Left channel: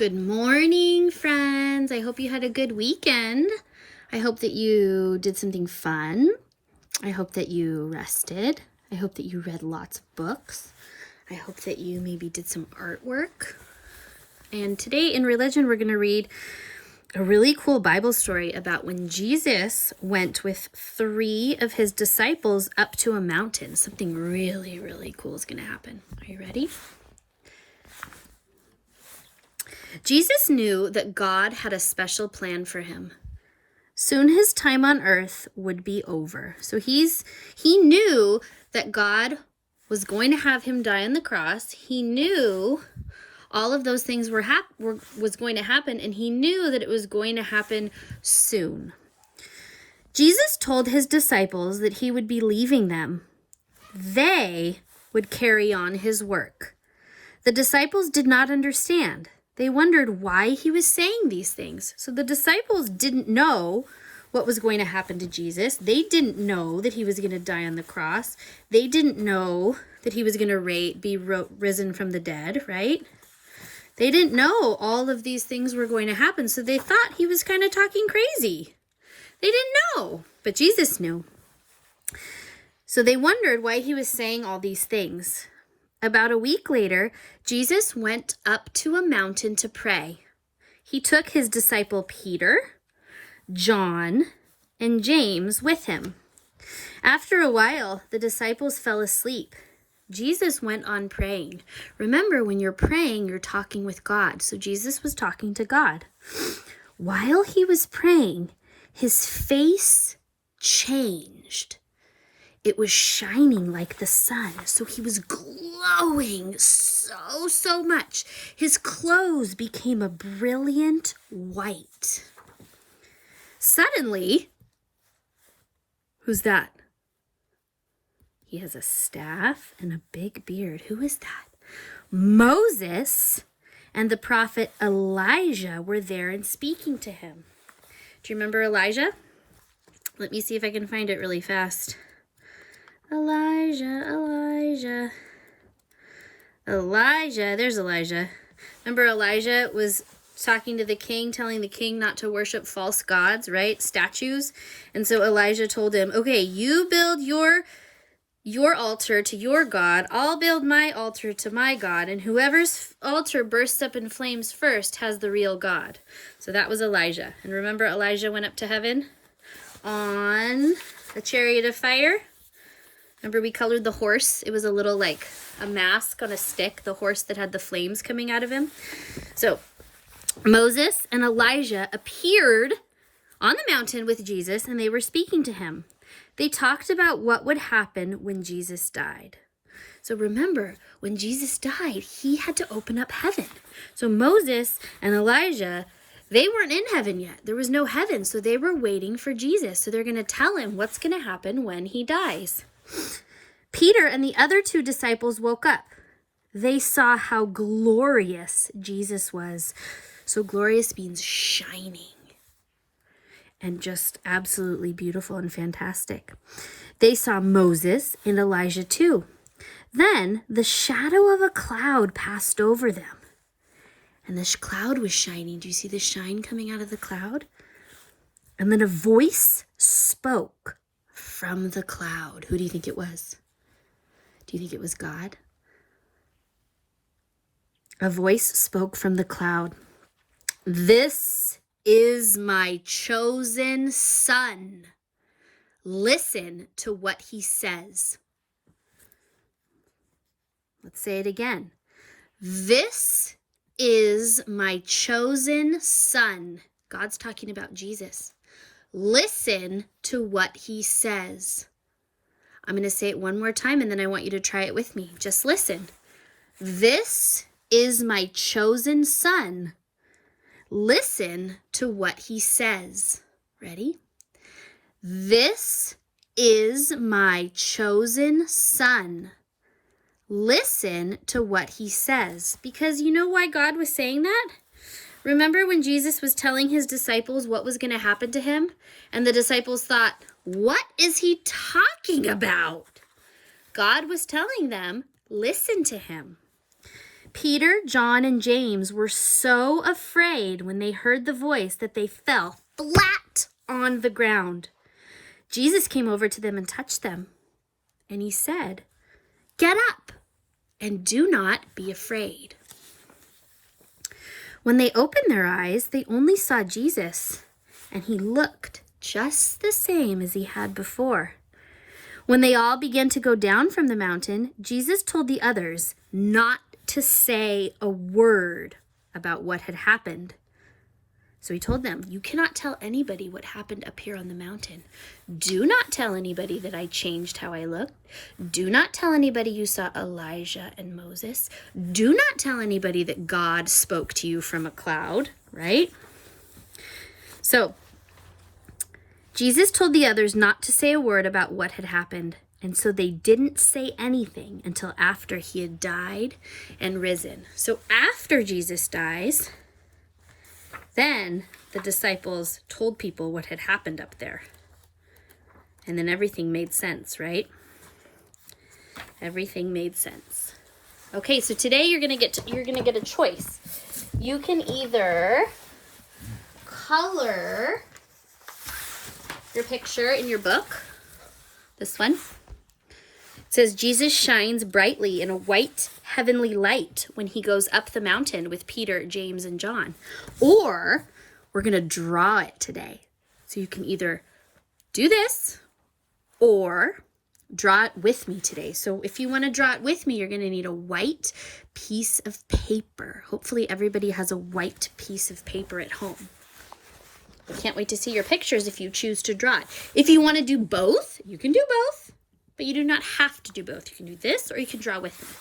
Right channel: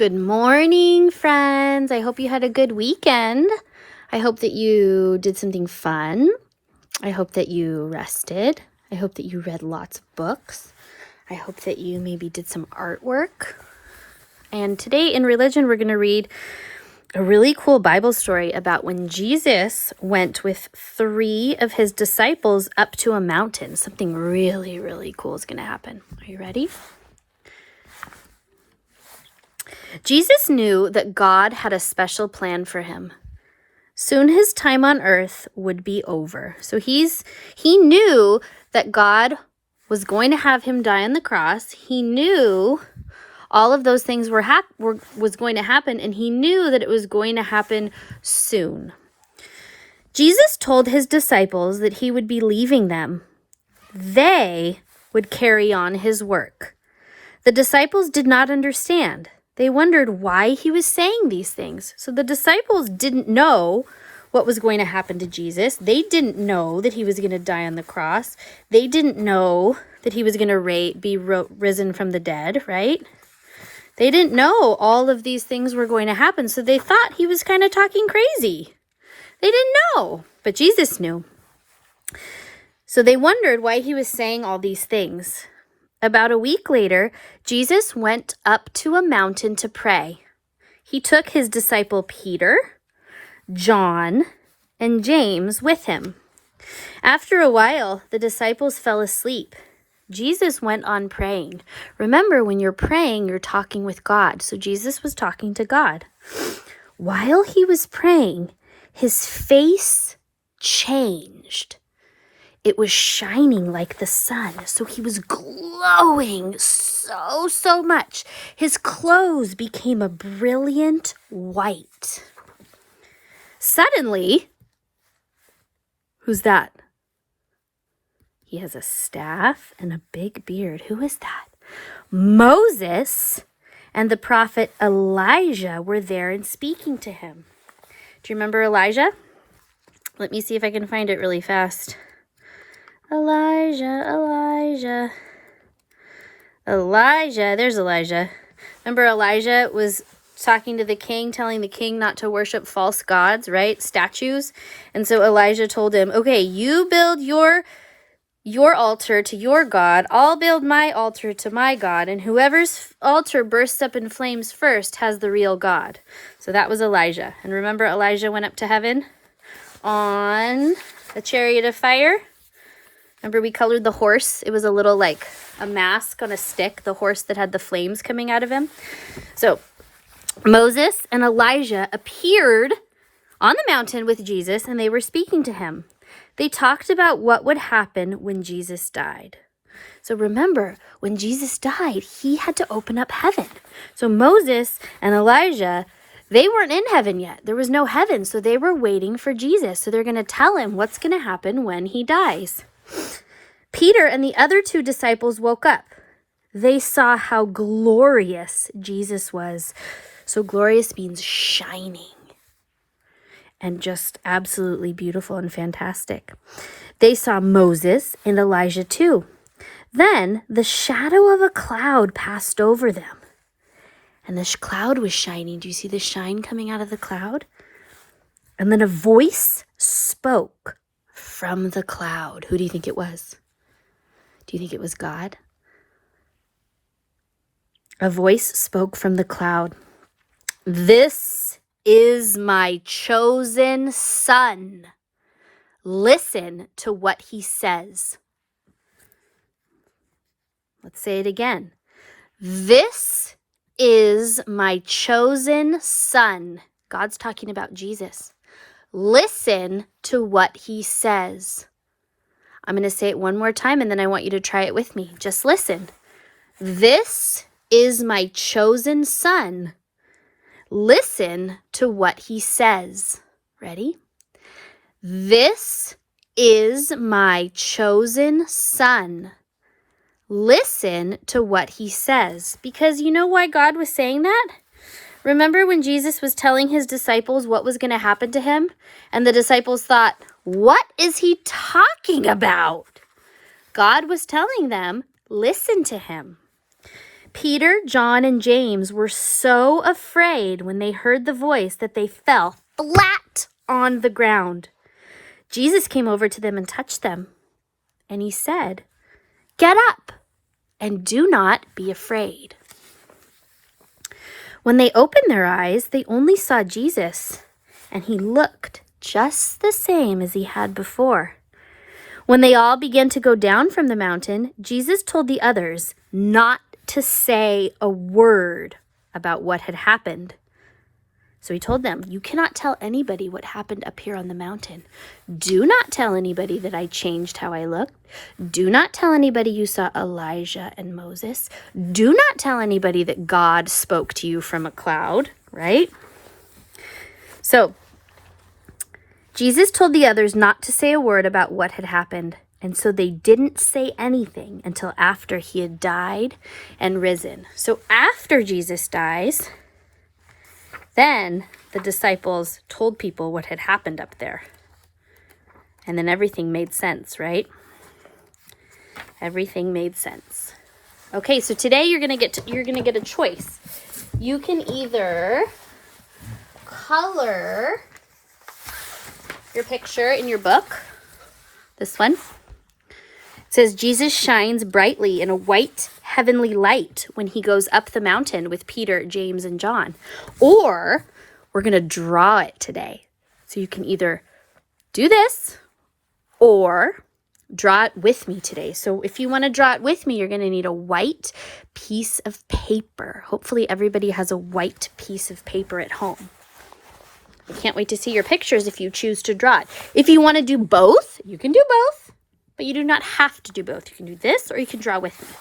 Good morning, friends. I hope you had a good weekend. I hope that you did something fun. I hope that you rested. I hope that you read lots of books. I hope that you maybe did some artwork. And today in religion, we're going to read a really cool Bible story about when Jesus went with 3 of his disciples up to a mountain. Something really, really cool is going to happen. Are you ready? Jesus knew that God had a special plan for him. Soon his time on earth would be over. So he knew that God was going to have him die on the cross. He knew all of those things was going to happen, and he knew that it was going to happen soon. Jesus told his disciples that he would be leaving them. They would carry on his work. The disciples did not understand. They wondered why he was saying these things. So the disciples didn't know what was going to happen to Jesus. They didn't know that he was going to die on the cross. They didn't know that he was going to be risen from the dead, right? They didn't know all of these things were going to happen, so they thought he was kind of talking crazy. They didn't know, but Jesus knew. So they wondered why he was saying all these things. About a week later, Jesus went up to a mountain to pray. He took his disciple Peter, John, and James with him. After a while, the disciples fell asleep. Jesus went on praying. Remember, when you're praying, you're talking with God. So Jesus was talking to God. While he was praying, his face changed. It was shining like the sun, so he was glowing so much. His clothes became a brilliant white. Suddenly, who's that? He has a staff and a big beard. Who is that? Moses and the prophet Elijah were there and speaking to him. Do you remember Elijah? Let me see if I can find it really fast. Elijah, there's Elijah. Remember, Elijah was talking to the king, telling the king not to worship false gods, right? Statues. And so Elijah told him, okay, you build your altar to your God. I'll build my altar to my God. And whoever's altar bursts up in flames first has the real God. So that was Elijah. And remember, Elijah went up to heaven on a chariot of fire. Remember, we colored the horse. It was a little like a mask on a stick, the horse that had the flames coming out of him. So Moses and Elijah appeared on the mountain with Jesus, and they were speaking to him. They talked about what would happen when Jesus died. So remember, when Jesus died, he had to open up heaven. So Moses and Elijah, they weren't in heaven yet. There was no heaven, so they were waiting for Jesus. So they're going to tell him what's going to happen when he dies. Peter and the other 2 disciples woke up. They saw how glorious Jesus was. So glorious means shining and just absolutely beautiful and fantastic. They saw Moses and Elijah too. Then the shadow of a cloud passed over them. And the cloud was shining. Do you see the shine coming out of the cloud? And then a voice spoke from the cloud. Who do you think it was? Do you think it was God? A voice spoke from the cloud. This is my chosen son. Listen to what he says. Let's say it again. This is my chosen son. God's talking about Jesus. Listen to what he says. I'm going to say it one more time, and then I want you to try it with me. Just listen. This is my chosen son. Listen to what he says. Ready? This is my chosen son. Listen to what he says. Because you know why God was saying that? Remember when Jesus was telling his disciples what was going to happen to him? And the disciples thought, what is he talking about? God was telling them, listen to him. Peter, John, and James were so afraid when they heard the voice that they fell flat on the ground. Jesus came over to them and touched them, and he said, "Get up and do not be afraid." When they opened their eyes, they only saw Jesus, and he looked just the same as he had before. When they all began to go down from the mountain, Jesus told the others not to say a word about what had happened. So he told them, "You cannot tell anybody what happened up here on the mountain. Do not tell anybody that I changed how I looked. Do not tell anybody you saw Elijah and Moses. Do not tell anybody that God spoke to you from a cloud," right? So Jesus told the others not to say a word about what had happened, and so they didn't say anything until after he had died and risen. So after Jesus dies, then the disciples told people what had happened up there. And then everything made sense, right? Everything made sense. Okay, so today you're gonna get a choice. You can either color your picture in your book. This one. It says, Jesus shines brightly in a white heavenly light when he goes up the mountain with Peter, James, and John. Or we're going to draw it today. So you can either do this or draw it with me today. So if you want to draw it with me, you're going to need a white piece of paper. Hopefully everybody has a white piece of paper at home. I can't wait to see your pictures if you choose to draw it. If you want to do both, you can do both, but you do not have to do both. You can do this or you can draw with me.